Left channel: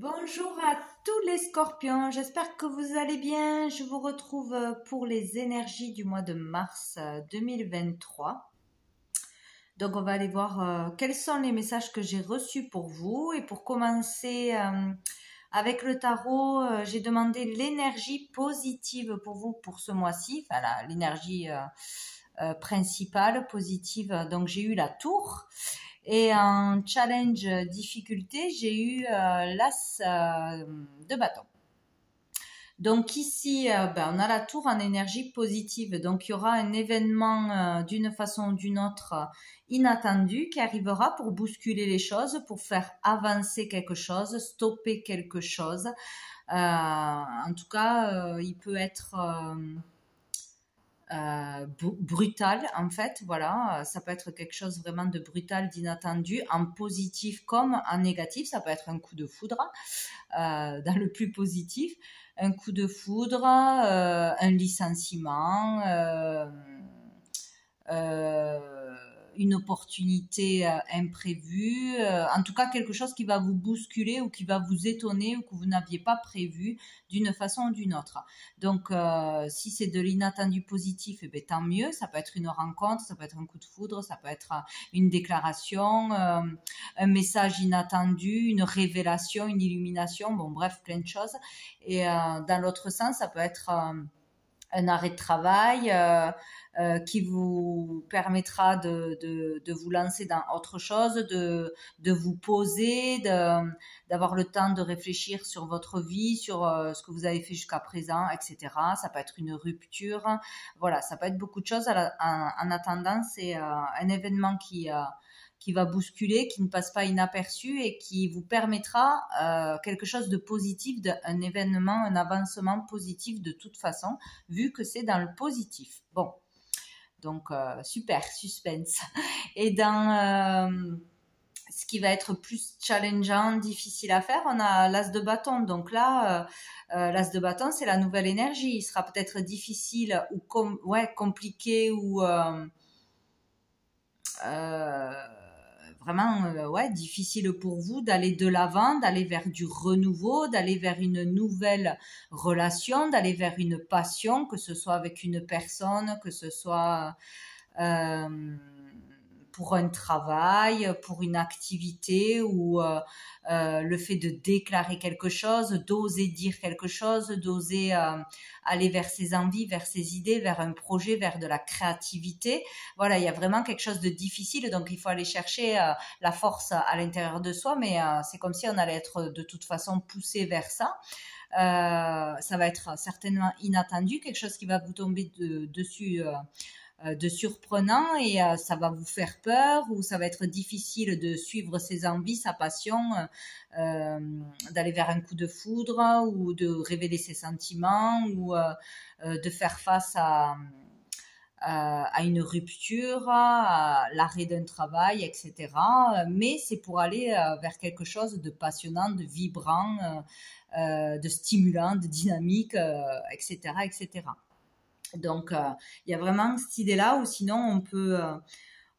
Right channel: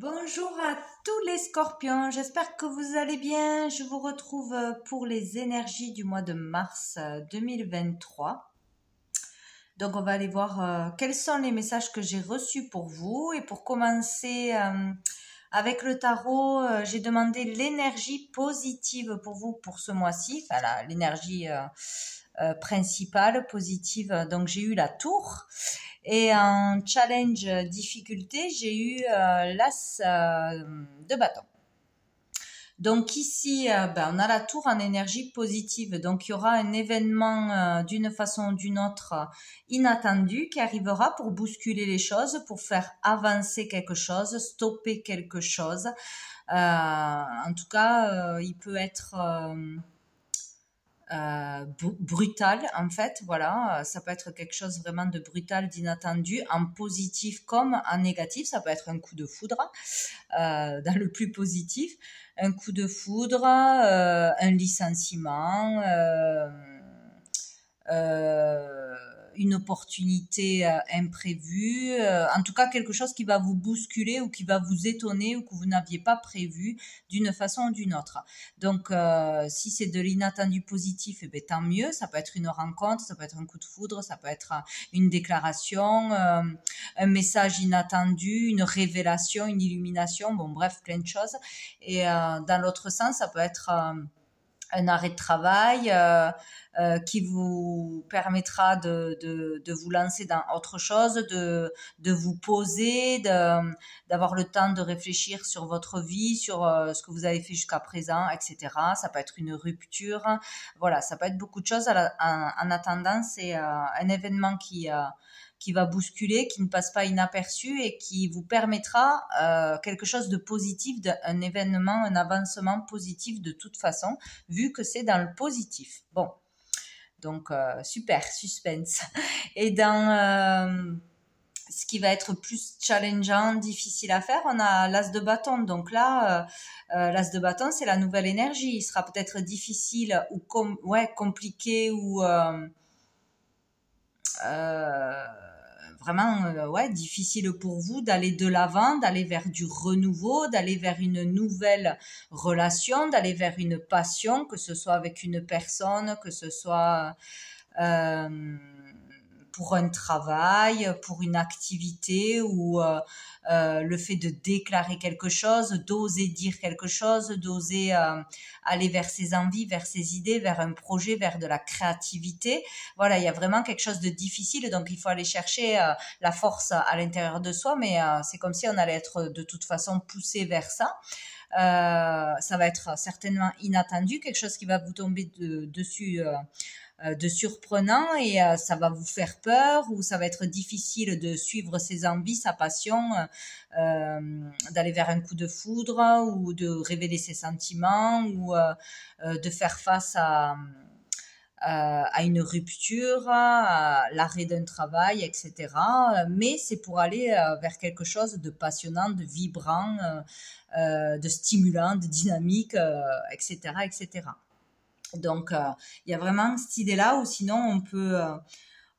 Bonjour à tous les scorpions, j'espère que vous allez bien. Je vous retrouve pour les énergies du mois de mars 2023. Donc on va aller voir quels sont les messages que j'ai reçus pour vous. Et pour commencer avec le tarot, j'ai demandé l'énergie positive pour vous pour ce mois-ci. Enfin l'énergie principale, positive. Donc j'ai eu la tour. Et en challenge difficulté, j'ai eu l'as de bâton. Donc ici, on a la tour en énergie positive. Donc il y aura un événement d'une façon ou d'une autre inattendu qui arrivera pour bousculer les choses, pour faire avancer quelque chose, stopper quelque chose. En tout cas, il peut être brutal en fait, voilà, ça peut être quelque chose vraiment de brutal, d'inattendu, en positif comme en négatif. Ça peut être un coup de foudre, dans le plus positif, un coup de foudre, un licenciement, une opportunité imprévue, en tout cas quelque chose qui va vous bousculer ou qui va vous étonner ou que vous n'aviez pas prévu d'une façon ou d'une autre. Donc si c'est de l'inattendu positif, eh bien, tant mieux. Ça peut être une rencontre, ça peut être un coup de foudre, ça peut être une déclaration, un message inattendu, une révélation, une illumination, bon bref, plein de choses. Et dans l'autre sens, ça peut être un arrêt de travail qui vous permettra de vous lancer dans autre chose, de vous poser, d'avoir le temps de réfléchir sur votre vie, sur ce que vous avez fait jusqu'à présent, etc. Ça peut être une rupture, voilà, ça peut être beaucoup de choses. En attendant, c'est un événement qui va bousculer, qui ne passe pas inaperçu et qui vous permettra quelque chose de positif, un événement, un avancement positif de toute façon, vu que c'est dans le positif. Bon, donc super, suspense. Et dans ce qui va être plus challengeant, difficile à faire, on a l'as de bâton. Donc là, l'as de bâton, c'est la nouvelle énergie. Il sera peut-être difficile ou compliqué ou vraiment difficile pour vous d'aller de l'avant, d'aller vers du renouveau, d'aller vers une nouvelle relation, d'aller vers une passion, que ce soit avec une personne, que ce soit pour un travail, pour une activité ou le fait de déclarer quelque chose, d'oser dire quelque chose, d'oser aller vers ses envies, vers ses idées, vers un projet, vers de la créativité. Voilà, il y a vraiment quelque chose de difficile, donc il faut aller chercher la force à l'intérieur de soi, mais c'est comme si on allait être de toute façon poussé vers ça. Ça va être certainement inattendu, quelque chose qui va vous tomber dessus de surprenant et ça va vous faire peur ou ça va être difficile de suivre ses envies, sa passion, d'aller vers un coup de foudre ou de révéler ses sentiments ou de faire face à une rupture, à l'arrêt d'un travail, etc. Mais c'est pour aller vers quelque chose de passionnant, de vibrant, de stimulant, de dynamique, etc., etc. Donc, il y a vraiment cette idée-là, ou sinon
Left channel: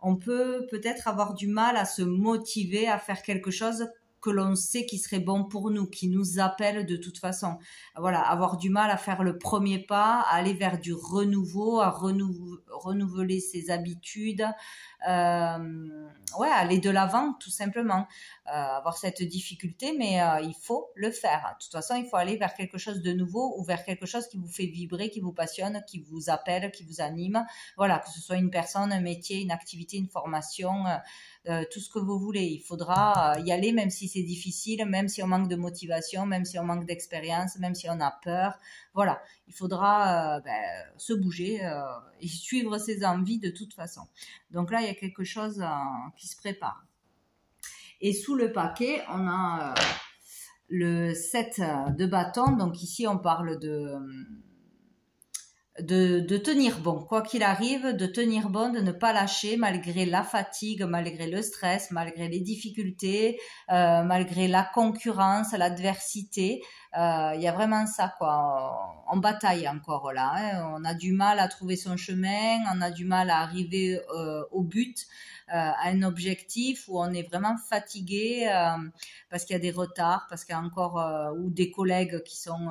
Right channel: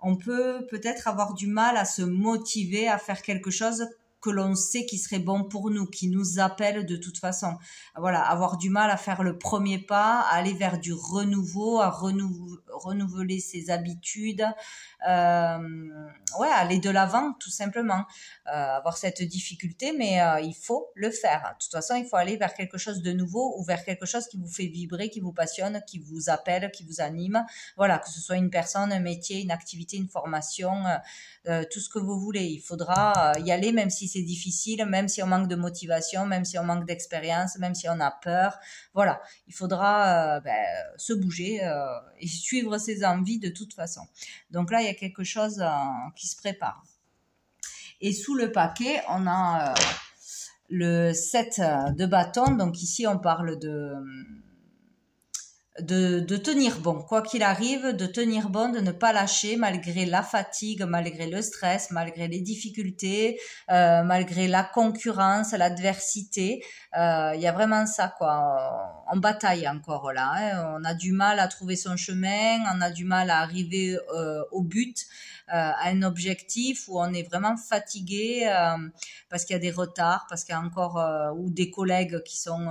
on peut peut-être avoir du mal à se motiver à faire quelque chose que l'on sait qui serait bon pour nous, qui nous appelle de toute façon. Voilà, avoir du mal à faire le premier pas, à aller vers du renouveau, à renouveler ses habitudes, aller de l'avant tout simplement. Avoir cette difficulté, mais il faut le faire. De toute façon, il faut aller vers quelque chose de nouveau ou vers quelque chose qui vous fait vibrer, qui vous passionne, qui vous appelle, qui vous anime. Voilà, que ce soit une personne, un métier, une activité, une formation, tout ce que vous voulez. Il faudra y aller même si c'est difficile, même si on manque de motivation, même si on manque d'expérience, même si on a peur. Voilà, il faudra se bouger et suivre ses envies de toute façon. Donc là, il y a quelque chose qui se prépare. Et sous le paquet, on a le 7 de bâton. Donc ici, on parle de tenir bon, quoi qu'il arrive, de tenir bon, de ne pas lâcher malgré la fatigue, malgré le stress, malgré les difficultés, malgré la concurrence, l'adversité. Il y a vraiment ça, quoi. On bataille encore là, hein. On a du mal à trouver son chemin, on a du mal à arriver au but, à un objectif où on est vraiment fatigué parce qu'il y a des retards, parce qu'il y a encore ou des collègues qui sont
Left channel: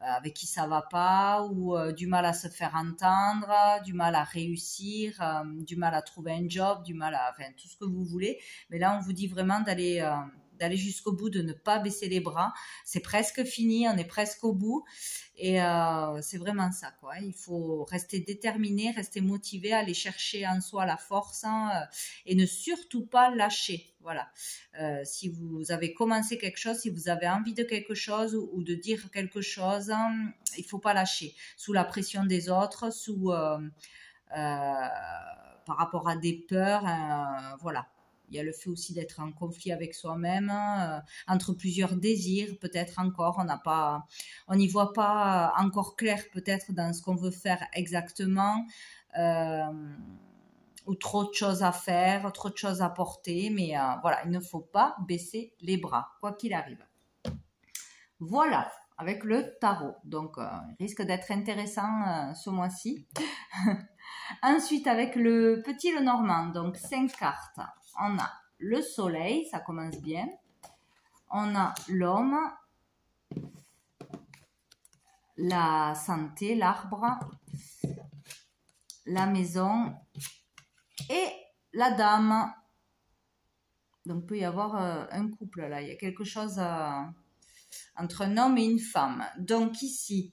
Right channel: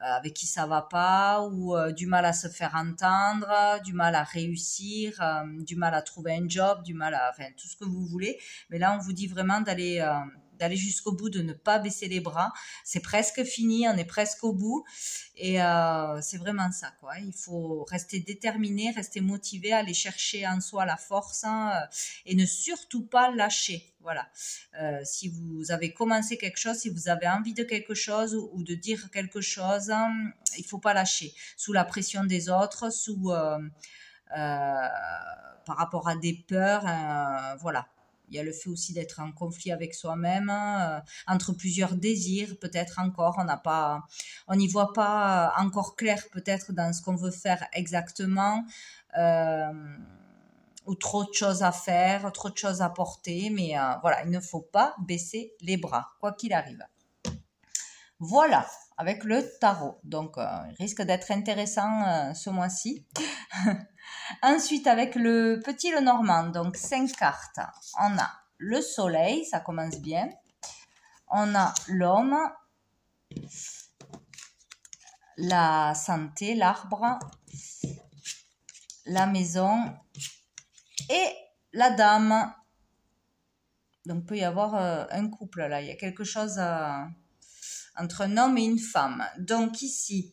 avec qui ça va pas, ou du mal à se faire entendre, du mal à réussir, du mal à trouver un job, du mal à, enfin, tout ce que vous voulez. Mais là, on vous dit vraiment d'aller jusqu'au bout, de ne pas baisser les bras. C'est presque fini, on est presque au bout. Et c'est vraiment ça, quoi. Il faut rester déterminé, rester motivé, aller chercher en soi la force, hein, et ne surtout pas lâcher. Voilà. Si vous avez commencé quelque chose, si vous avez envie de quelque chose ou de dire quelque chose, hein, il faut pas lâcher. Sous la pression des autres, par rapport à des peurs, voilà. Il y a le fait aussi d'être en conflit avec soi-même, entre plusieurs désirs, peut-être encore, on n'y voit pas encore clair peut-être dans ce qu'on veut faire exactement, ou trop de choses à faire, trop de choses à porter, mais voilà, il ne faut pas baisser les bras, quoi qu'il arrive. Voilà, avec le tarot. Donc, il risque d'être intéressant ce mois-ci. Ensuite, avec le petit Lenormand, donc 5 cartes, on a le soleil, ça commence bien. On a l'homme, la santé, l'arbre, la maison et la dame. Donc, il peut y avoir un couple là, il y a quelque chose entre un homme et une femme. Donc ici,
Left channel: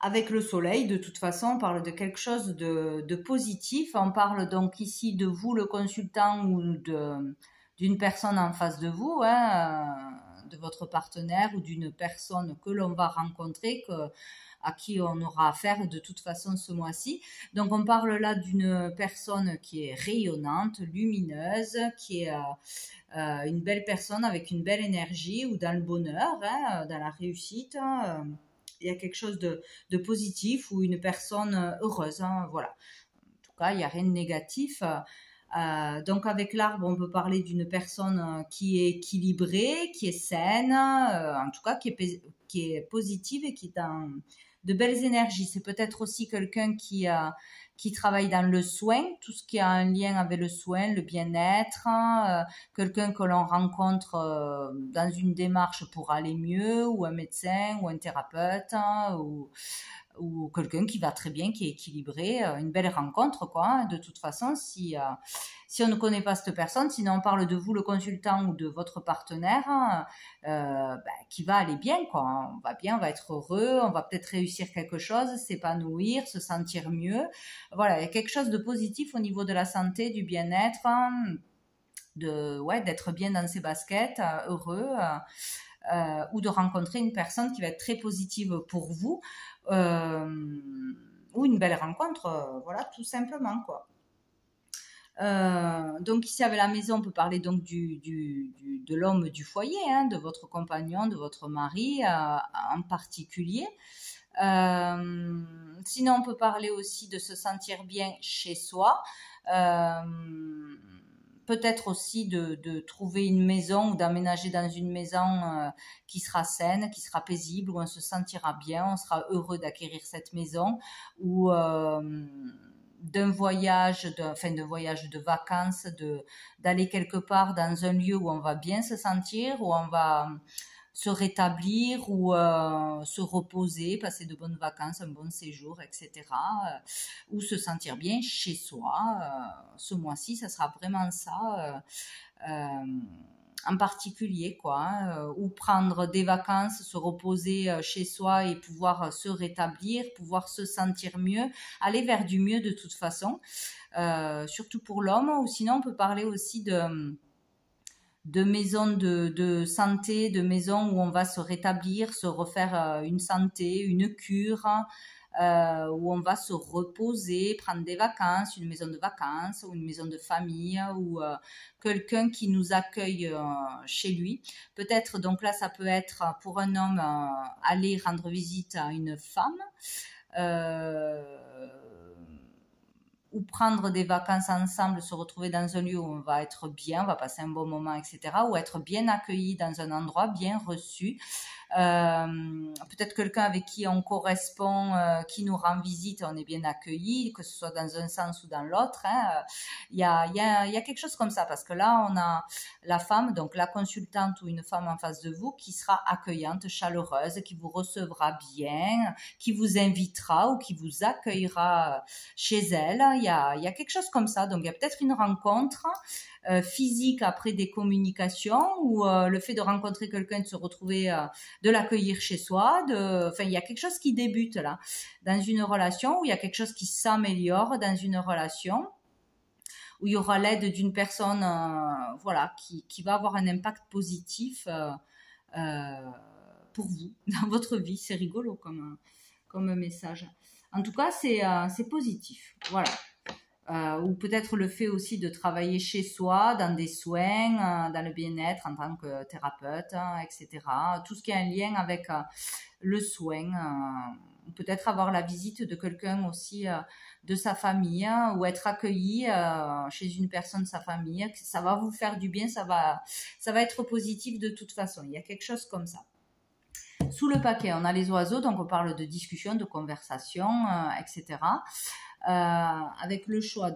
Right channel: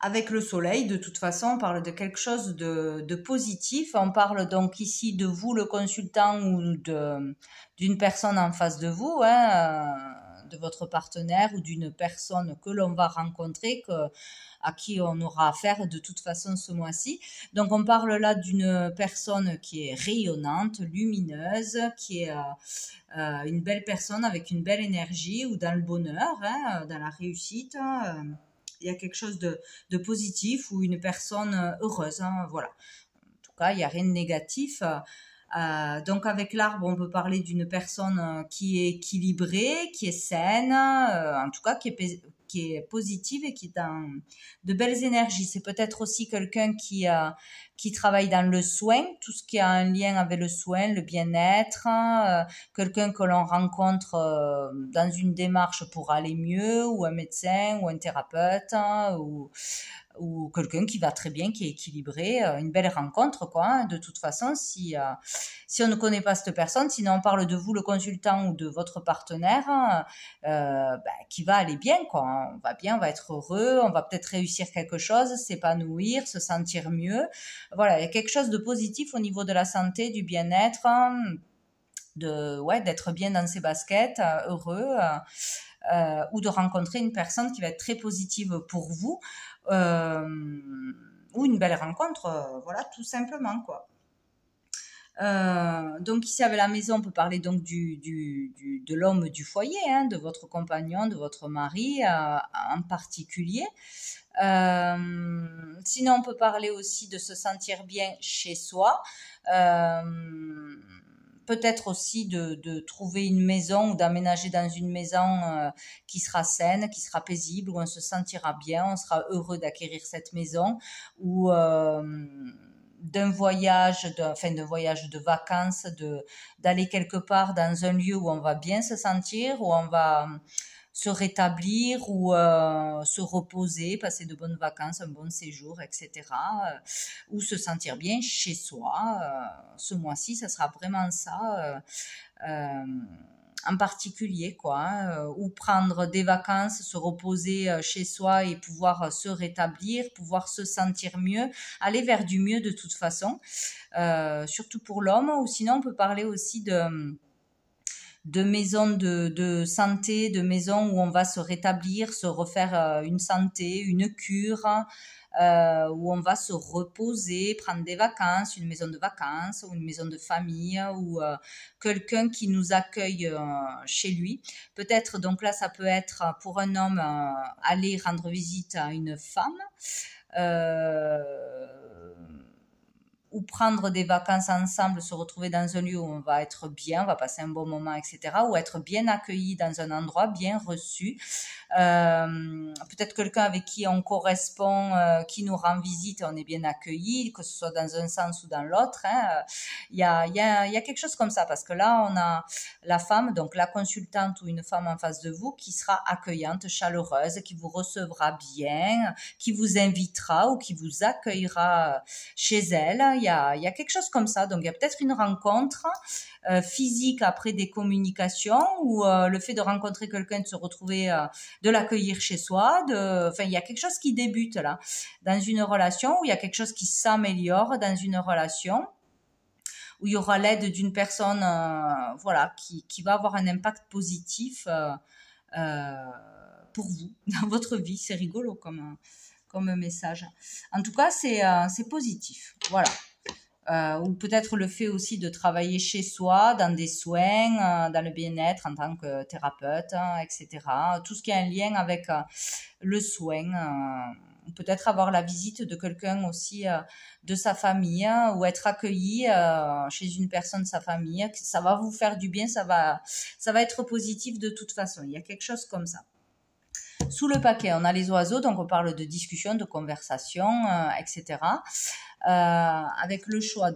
avec le soleil, de toute façon, on parle de quelque chose de positif. On parle donc ici de vous, le consultant, ou d'une personne en face de vous, hein, de votre partenaire ou d'une personne que l'on va rencontrer, à qui on aura affaire de toute façon ce mois-ci. Donc on parle là d'une personne qui est rayonnante, lumineuse, qui est une belle personne avec une belle énergie, ou dans le bonheur, hein, dans la réussite. Il y a quelque chose de positif, ou une personne heureuse, hein, voilà. En tout cas, il n'y a rien de négatif. Donc avec l'arbre, on peut parler d'une personne qui est équilibrée, qui est saine, en tout cas qui est positive et qui est dans de belles énergies. C'est peut-être aussi quelqu'un qui travaille dans le soin, tout ce qui a un lien avec le soin, le bien-être, quelqu'un que l'on rencontre dans une démarche pour aller mieux, ou un médecin, ou un thérapeute, ou quelqu'un qui va très bien, qui est équilibré, une belle rencontre, quoi, hein. De toute façon, si on ne connaît pas cette personne, sinon on parle de vous, le consultant, ou de votre partenaire, qui va aller bien, quoi, hein. On va bien, on va être heureux, on va peut-être réussir quelque chose, s'épanouir, se sentir mieux. Voilà, il y a quelque chose de positif au niveau de la santé, du bien-être, d'être bien dans ses baskets, heureux, ou de rencontrer une personne qui va être très positive pour vous, ou une belle rencontre, voilà, tout simplement, quoi. Donc ici avec la maison, on peut parler donc de l'homme du foyer, hein, de votre compagnon, de votre mari en particulier. Sinon, on peut parler aussi de se sentir bien chez soi. Peut-être aussi de trouver une maison, ou d'aménager dans une maison qui sera saine, qui sera paisible, où on se sentira bien, on sera heureux d'acquérir cette maison, ou d'un voyage de vacances, d'aller quelque part dans un lieu où on va bien se sentir, où on va se rétablir, ou se reposer, passer de bonnes vacances, un bon séjour, etc. Ou se sentir bien chez soi. Ce mois-ci, ça sera vraiment ça en particulier, quoi, hein. Ou prendre des vacances, se reposer chez soi et pouvoir se rétablir, pouvoir se sentir mieux, aller vers du mieux de toute façon, surtout pour l'homme. Ou sinon, on peut parler aussi de maisons de santé, de maisons où on va se rétablir, se refaire une santé, une cure, où on va se reposer, prendre des vacances, une maison de vacances, ou une maison de famille, ou quelqu'un qui nous accueille chez lui. Peut-être, donc là, ça peut être pour un homme aller rendre visite à une femme, euh, ou prendre des vacances ensemble, se retrouver dans un lieu où on va être bien, on va passer un bon moment, etc. Ou être bien accueilli dans un endroit, bien reçu. Peut-être quelqu'un avec qui on correspond, qui nous rend visite, on est bien accueilli, que ce soit dans un sens ou dans l'autre. Hein. Il y a quelque chose comme ça, parce que là, on a la femme, donc la consultante ou une femme en face de vous, qui sera accueillante, chaleureuse, qui vous recevra bien, qui vous invitera ou qui vous accueillera chez elle. Il y a quelque chose comme ça. Donc, il y a peut-être une rencontre physique après des communications ou le fait de rencontrer quelqu'un, de se retrouver, de l'accueillir chez soi. Enfin, il y a quelque chose qui débute là dans une relation, ou il y a quelque chose qui s'améliore dans une relation, où il y aura l'aide d'une personne voilà, qui va avoir un impact positif pour vous dans votre vie. C'est rigolo comme message. En tout cas, c'est positif. Voilà. Ou peut-être le fait aussi de travailler chez soi, dans des soins, dans le bien-être en tant que thérapeute, etc. Tout ce qui a un lien avec le soin. Peut-être avoir la visite de quelqu'un aussi de sa famille, ou être accueilli chez une personne de sa famille. Ça va vous faire du bien, ça va être positif de toute façon. Il y a quelque chose comme ça. Sous le paquet, on a les oiseaux, donc on parle de discussion, de conversation, etc. Avec le choix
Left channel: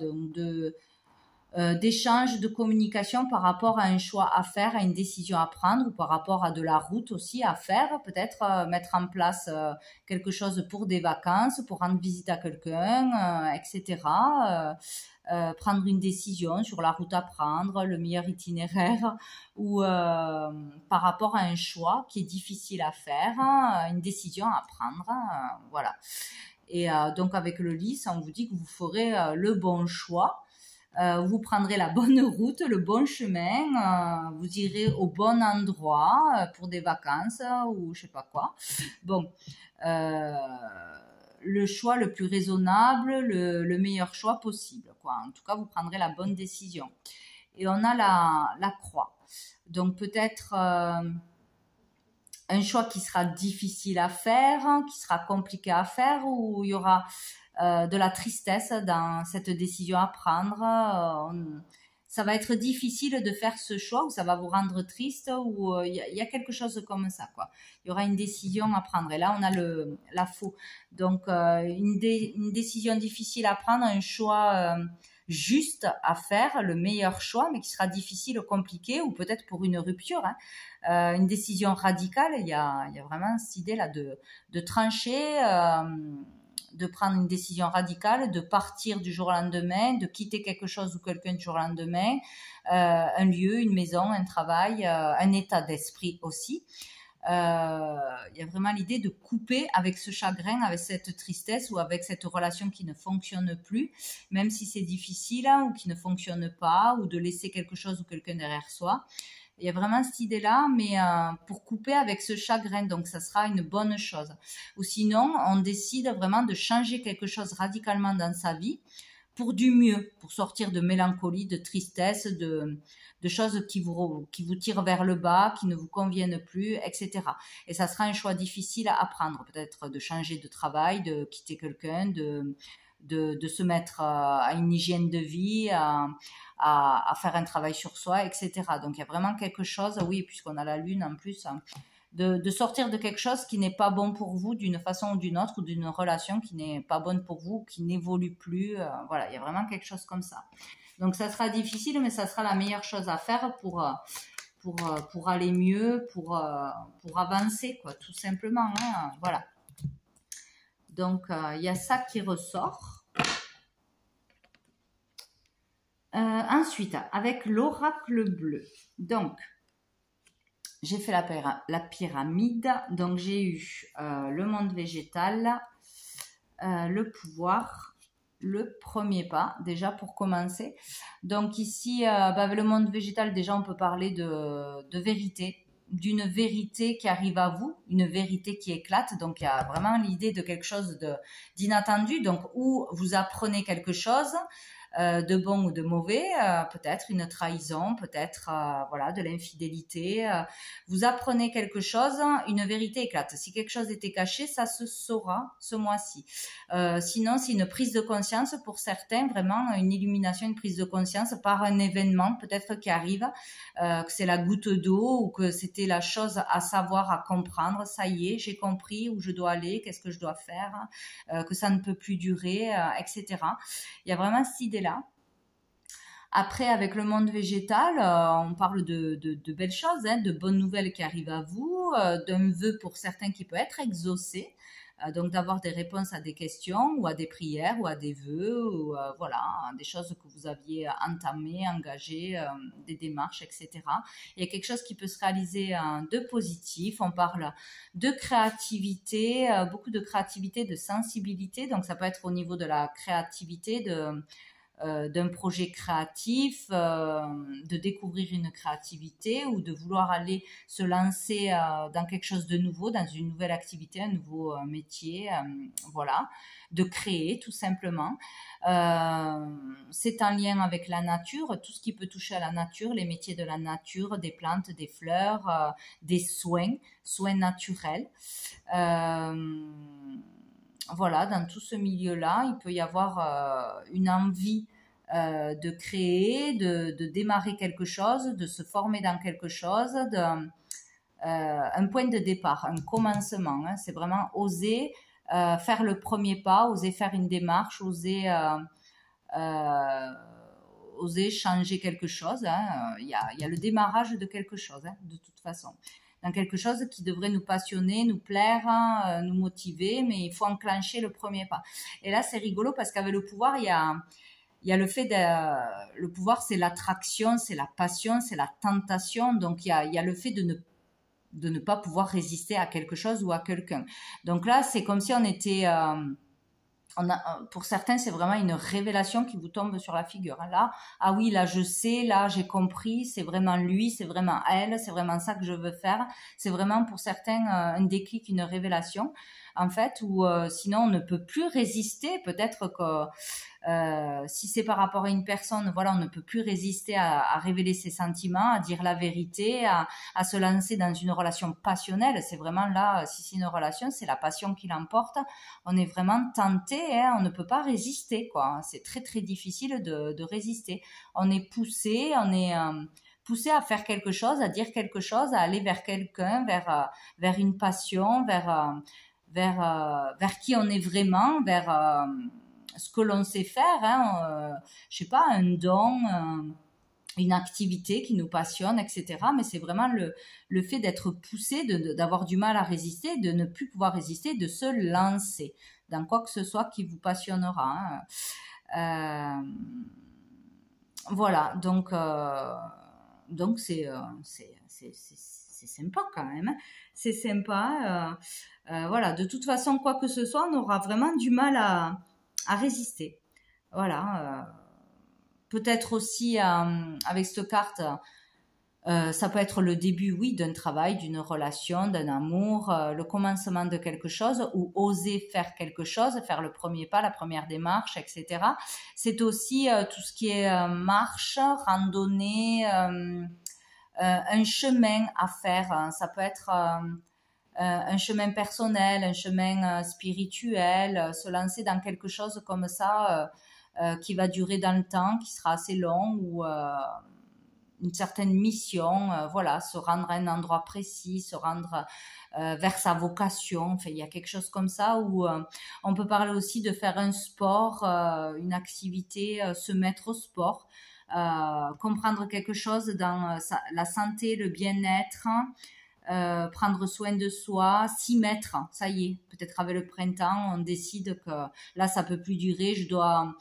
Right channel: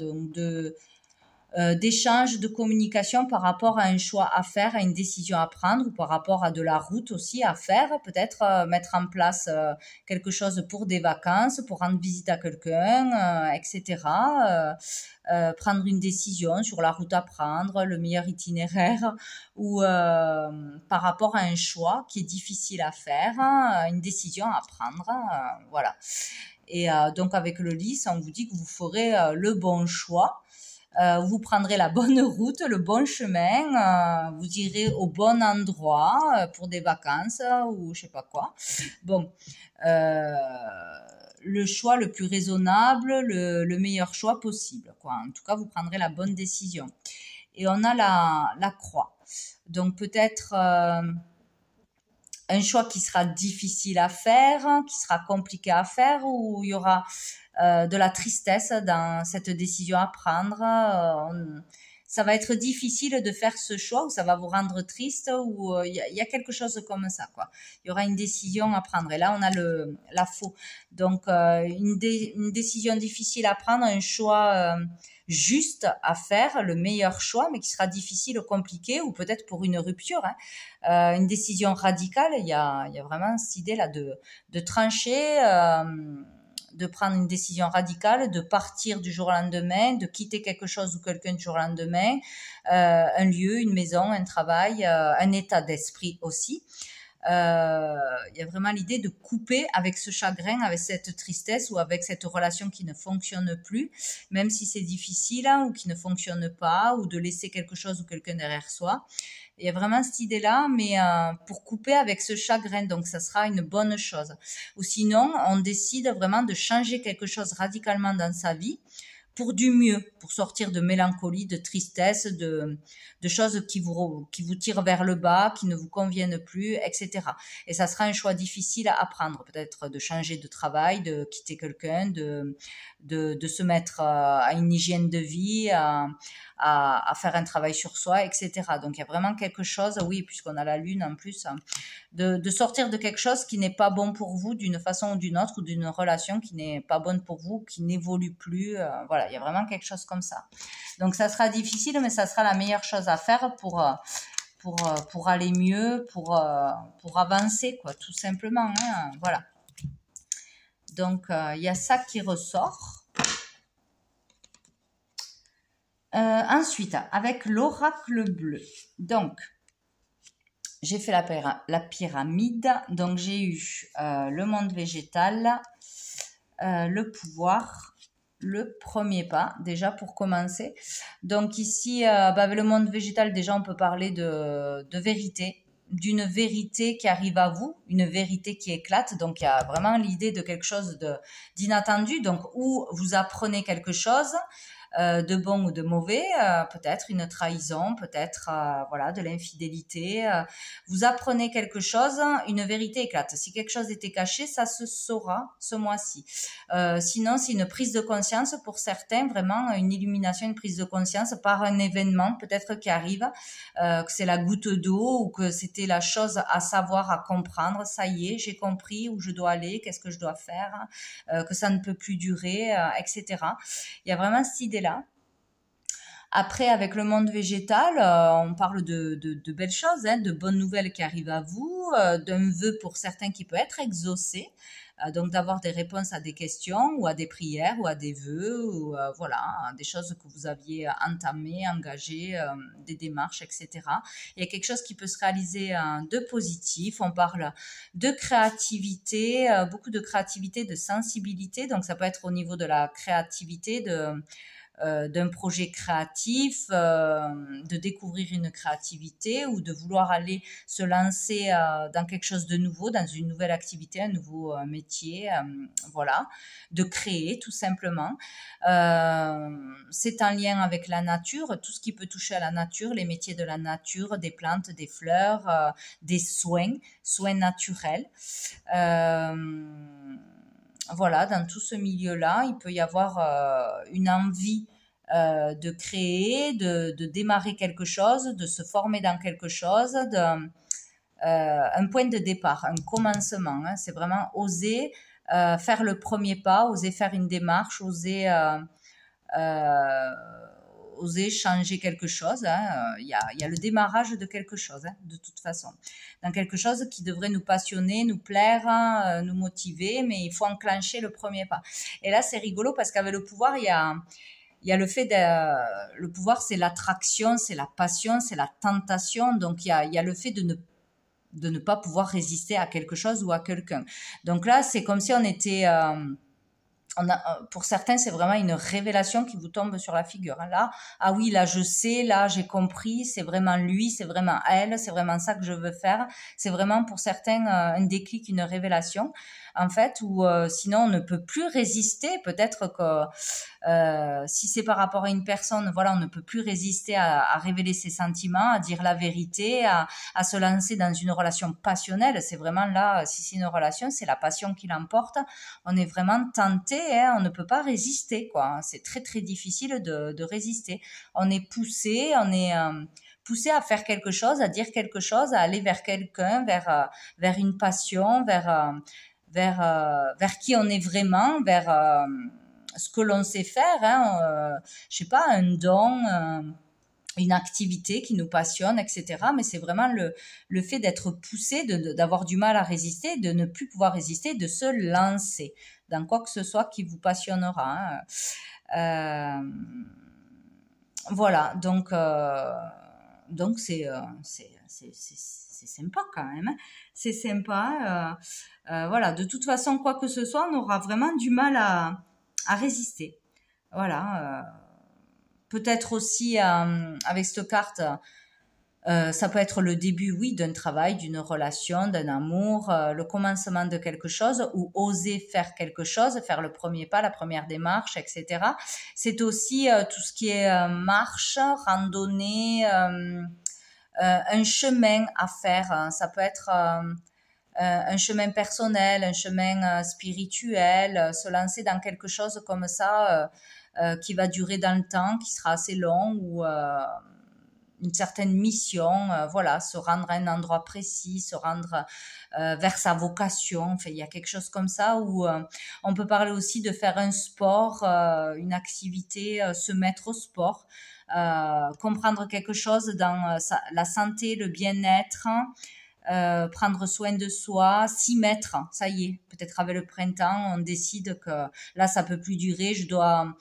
d'échange, de communication par rapport à un choix à faire, à une décision à prendre, ou par rapport à de la route aussi à faire, peut-être mettre en place quelque chose pour des vacances, pour rendre visite à quelqu'un, etc. Prendre une décision sur la route à prendre, le meilleur itinéraire, ou par rapport à un choix qui est difficile à faire, une décision à prendre, voilà. Et donc avec le lys, on vous dit que vous ferez le bon choix. Vous prendrez la bonne route, le bon chemin, vous irez au bon endroit pour des vacances ou je sais pas quoi. Bon, le choix le plus raisonnable, le meilleur choix possible, quoi. En tout cas, vous prendrez la bonne décision. Et on a la croix. Donc peut-être un choix qui sera difficile à faire, qui sera compliqué à faire, où il y aura de la tristesse dans cette décision à prendre. Ça va être difficile de faire ce choix, ou ça va vous rendre triste, ou il y a quelque chose comme ça, quoi. Il y aura une décision à prendre. Et là, on a la faux. Donc, une décision difficile à prendre, un choix juste à faire, le meilleur choix, mais qui sera difficile, compliqué, ou peut-être pour une rupture, hein. Une décision radicale. Il y a vraiment cette idée-là de trancher, de prendre une décision radicale, de partir du jour au lendemain, de quitter quelque chose ou quelqu'un du jour au lendemain, un lieu, une maison, un travail, un état d'esprit aussi. Il y a vraiment l'idée de couper avec ce chagrin, avec cette tristesse, ou avec cette relation qui ne fonctionne plus, même si c'est difficile, ou qui ne fonctionne pas, ou de laisser quelque chose ou quelqu'un derrière soi. Il y a vraiment cette idée-là, mais pour couper avec ce chagrin, donc ça sera une bonne chose. Ou sinon, on décide vraiment de changer quelque chose radicalement dans sa vie pour du mieux, pour sortir de mélancolie, de tristesse, de choses qui vous tirent vers le bas, qui ne vous conviennent plus, etc. Et ça sera un choix difficile à prendre, peut-être de changer de travail, de quitter quelqu'un, de se mettre à une hygiène de vie, à faire un travail sur soi, etc. Donc il y a vraiment quelque chose, oui, puisqu'on a la lune en plus, de sortir de quelque chose qui n'est pas bon pour vous d'une façon ou d'une autre, ou d'une relation qui n'est pas bonne pour vous, qui n'évolue plus. Voilà, il y a vraiment quelque chose comme ça. Donc ça sera difficile, mais ça sera la meilleure chose à faire pour aller mieux, pour avancer, quoi, tout simplement, hein, voilà. Donc, il y a ça qui ressort. Ensuite, avec l'oracle bleu. Donc, j'ai fait la pyramide. Donc, j'ai eu le monde végétal, le pouvoir, le premier pas, déjà pour commencer. Donc, ici, avec le monde végétal, déjà, on peut parler de vérité, d'une vérité qui arrive à vous, une vérité qui éclate. Donc, il y a vraiment l'idée de quelque chose d'inattendu. Donc, où vous apprenez quelque chose, de bon ou de mauvais, peut-être une trahison, peut-être voilà, de l'infidélité. Vous apprenez quelque chose, une vérité éclate. Si quelque chose était caché, ça se saura ce mois-ci. Sinon, c'est une prise de conscience pour certains, vraiment une illumination, une prise de conscience par un événement peut-être qui arrive, que c'est la goutte d'eau ou que c'était la chose à savoir, à comprendre. Ça y est, j'ai compris où je dois aller, qu'est-ce que je dois faire, que ça ne peut plus durer, etc. Il y a vraiment cette idée-là. Après, avec le monde végétal, on parle de belles choses, hein, de bonnes nouvelles qui arrivent à vous, d'un vœu pour certains qui peut être exaucé, donc d'avoir des réponses à des questions ou à des prières ou à des vœux, ou voilà, des choses que vous aviez entamées, engagées, des démarches, etc. Il y a quelque chose qui peut se réaliser de positif. On parle de créativité, beaucoup de créativité, de sensibilité, donc ça peut être au niveau de la créativité, d'un projet créatif, de découvrir une créativité ou de vouloir aller se lancer dans quelque chose de nouveau, dans une nouvelle activité, un nouveau métier, voilà, de créer tout simplement. C'est en lien avec la nature, tout ce qui peut toucher à la nature, les métiers de la nature, des plantes, des fleurs, des soins naturels. Voilà, dans tout ce milieu-là, il peut y avoir une envie de créer, de démarrer quelque chose, de se former dans quelque chose, un point de départ, un commencement. Hein. C'est vraiment oser faire le premier pas, oser faire une démarche, oser changer quelque chose. Hein. Il y a le démarrage de quelque chose, hein, de toute façon. Dans quelque chose qui devrait nous passionner, nous plaire, nous motiver, mais il faut enclencher le premier pas. Et là, c'est rigolo parce qu'avec le pouvoir, il y a le fait de... Le pouvoir, c'est l'attraction, c'est la passion, c'est la tentation. Donc, il y a le fait de ne pas pouvoir résister à quelque chose ou à quelqu'un. Donc là, c'est comme si on était... pour certains, c'est vraiment une révélation qui vous tombe sur la figure. Là, ah oui, là, je sais, là, j'ai compris, c'est vraiment lui, c'est vraiment elle, c'est vraiment ça que je veux faire. C'est vraiment pour certains un déclic, une révélation, en fait, où sinon on ne peut plus résister. Peut-être que si c'est par rapport à une personne, voilà, on ne peut plus résister à révéler ses sentiments, à dire la vérité, à se lancer dans une relation passionnelle. C'est vraiment là, si c'est une relation, c'est la passion qui l'emporte. On est vraiment tenté, hein, on ne peut pas résister, quoi. C'est très très difficile de résister. On est poussé, poussé à faire quelque chose, à dire quelque chose, à aller vers quelqu'un, vers une passion, vers qui on est vraiment, vers ce que l'on sait faire, hein, je sais pas, un don, une activité qui nous passionne, etc. Mais c'est vraiment le fait d'être poussé, d'avoir du mal à résister, de ne plus pouvoir résister, de se lancer dans quoi que ce soit qui vous passionnera. Hein. Voilà, donc c'est sympa quand même. Hein. C'est sympa. Voilà, de toute façon, quoi que ce soit, on aura vraiment du mal à résister. Voilà. Peut-être aussi avec cette carte, ça peut être le début, oui, d'un travail, d'une relation, d'un amour, le commencement de quelque chose ou oser faire quelque chose, faire le premier pas, la première démarche, etc. C'est aussi tout ce qui est marche, randonnée, un chemin à faire. Hein. Ça peut être un chemin personnel, un chemin spirituel, se lancer dans quelque chose comme ça qui va durer dans le temps, qui sera assez long ou une certaine mission, voilà, se rendre à un endroit précis, se rendre vers sa vocation. Enfin, il y a quelque chose comme ça où on peut parler aussi de faire un sport, une activité, se mettre au sport, comprendre quelque chose dans la santé, le bien-être. Prendre soin de soi, s'y mettre, ça y est, peut-être avec le printemps, on décide que là ça peut plus durer, je dois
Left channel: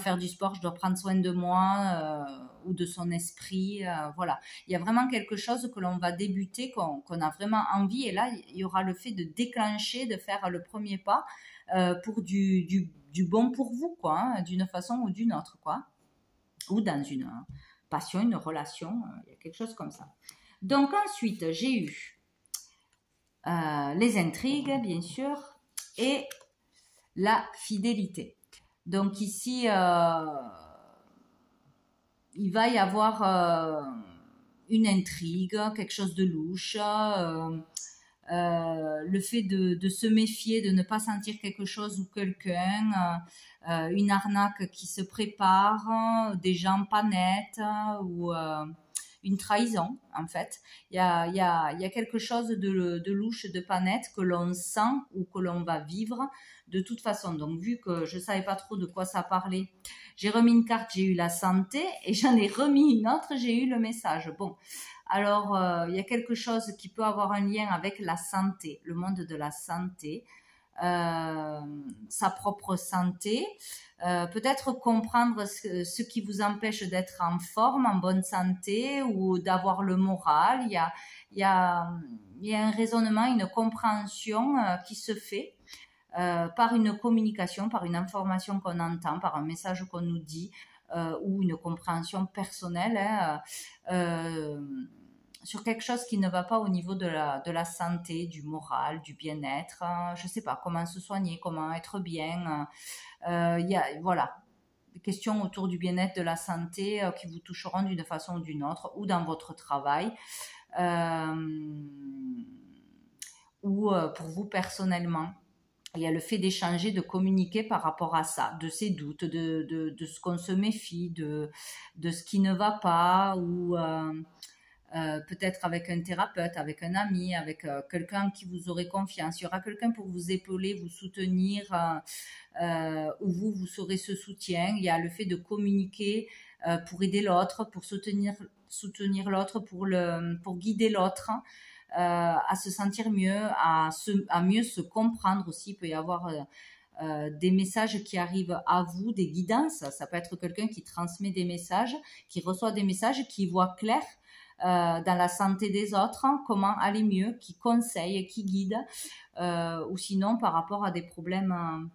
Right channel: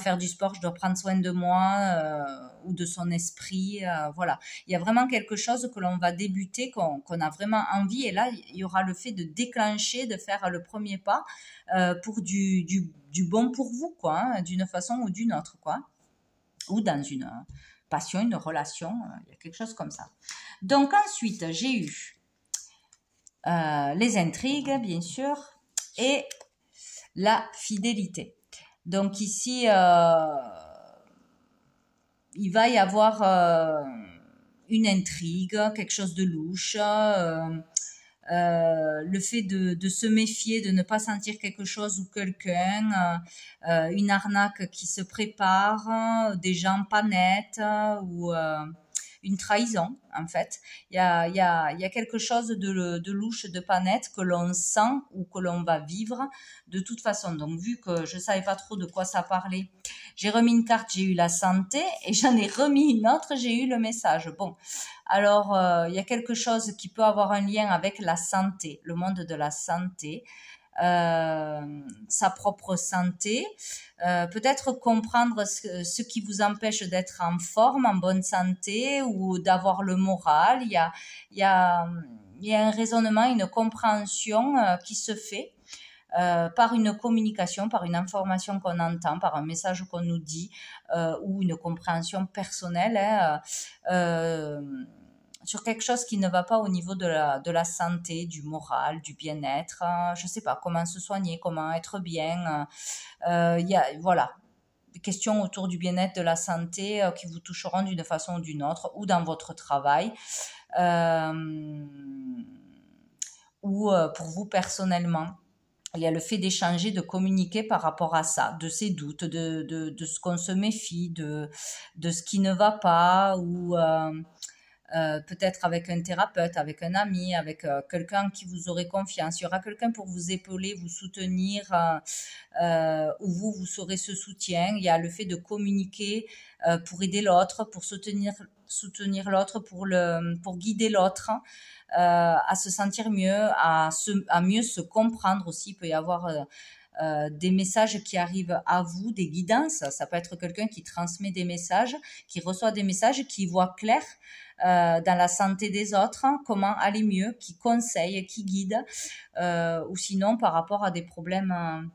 faire du sport, je dois prendre soin de moi ou de son esprit, voilà. Il y a vraiment quelque chose que l'on va débuter, qu'on a vraiment envie, et là il y aura le fait de déclencher, de faire le premier pas pour du bon pour vous, quoi, hein, d'une façon ou d'une autre, quoi, ou dans une passion, une relation, il y a quelque chose comme ça. Donc ensuite, j'ai eu les intrigues, bien sûr, et la fidélité. Donc ici, il va y avoir une intrigue, quelque chose de louche, le fait de se méfier, de ne pas sentir quelque chose ou quelqu'un, une arnaque qui se prépare, des gens pas nets ou une trahison en fait. Il y a quelque chose de louche, de pas net que l'on sent ou que l'on va vivre de toute façon. Donc vu que je savais pas trop de quoi ça parlait, j'ai remis une carte, j'ai eu la santé et j'en ai remis une autre, j'ai eu le message. Bon, alors il y a quelque chose qui peut avoir un lien avec la santé, le monde de la santé, sa propre santé, peut-être comprendre ce qui vous empêche d'être en forme, en bonne santé ou d'avoir le moral. Il y a un raisonnement, une compréhension qui se fait par une communication, par une information qu'on entend, par un message qu'on nous dit ou une compréhension personnelle sur quelque chose qui ne va pas au niveau de la santé, du moral, du bien-être. Je ne sais pas comment se soigner, comment être bien. Voilà, des questions autour du bien-être, de la santé qui vous toucheront d'une façon ou d'une autre, ou dans votre travail, ou pour vous personnellement. Il y a le fait d'échanger, de communiquer par rapport à ça, de ses doutes, de ce qu'on se méfie, de ce qui ne va pas, ou peut-être avec un thérapeute, avec un ami, avec quelqu'un en qui vous aurez confiance. Il y aura quelqu'un pour vous épauler, vous soutenir, où vous serez ce soutien. Il y a le fait de communiquer pour aider l'autre, pour soutenir l'autre, pour guider l'autre. À se sentir mieux, à mieux se comprendre aussi. Il peut y avoir des messages qui arrivent à vous, des guidances. Ça peut être quelqu'un qui transmet des messages, qui reçoit des messages, qui voit clair dans la santé des autres, comment aller mieux, qui conseille, qui guide, ou sinon par rapport à des problèmes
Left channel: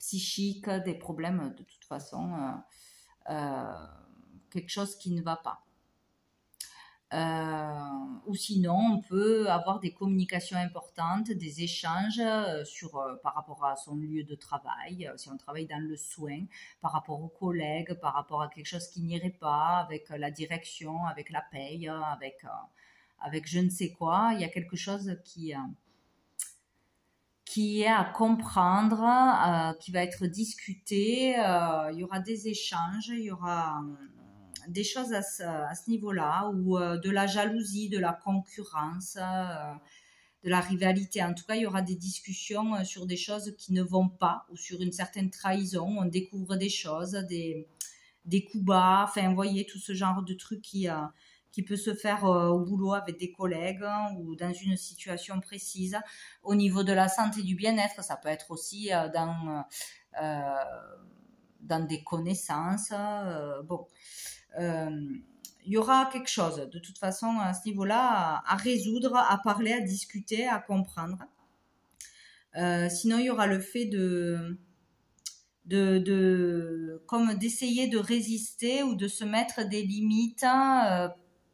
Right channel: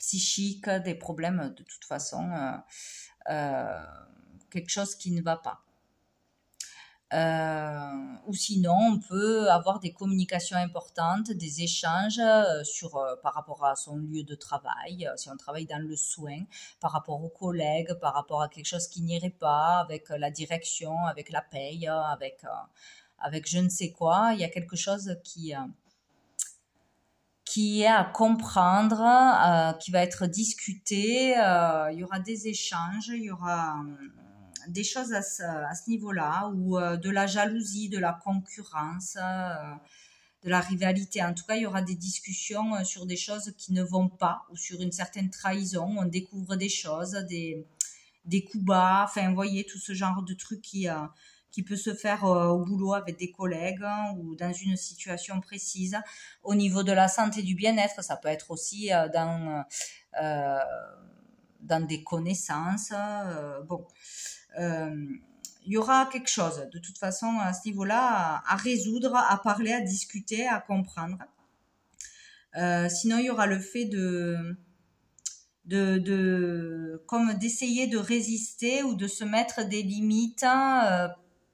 psychiques, des problèmes de toute façon, quelque chose qui ne va pas. Ou sinon, on peut avoir des communications importantes, des échanges par rapport à son lieu de travail, si on travaille dans le soin, par rapport aux collègues, par rapport à quelque chose qui n'irait pas, avec la direction, avec la paye, avec je ne sais quoi. Il y a quelque chose qui est à comprendre, qui va être discuté. Il y aura des échanges, il y aura des choses à ce niveau-là, ou de la jalousie, de la concurrence, de la rivalité. En tout cas, il y aura des discussions sur des choses qui ne vont pas, ou sur une certaine trahison. On découvre des choses, des coups bas, enfin, vous voyez, tout ce genre de trucs qui peut se faire au boulot avec des collègues, ou dans une situation précise. Au niveau de la santé et du bien-être, ça peut être aussi dans des connaissances. Bon. Il y aura quelque chose de toute façon à ce niveau-là à résoudre, à parler, à discuter, à comprendre. Sinon, il y aura le fait comme d'essayer de résister ou de se mettre des limites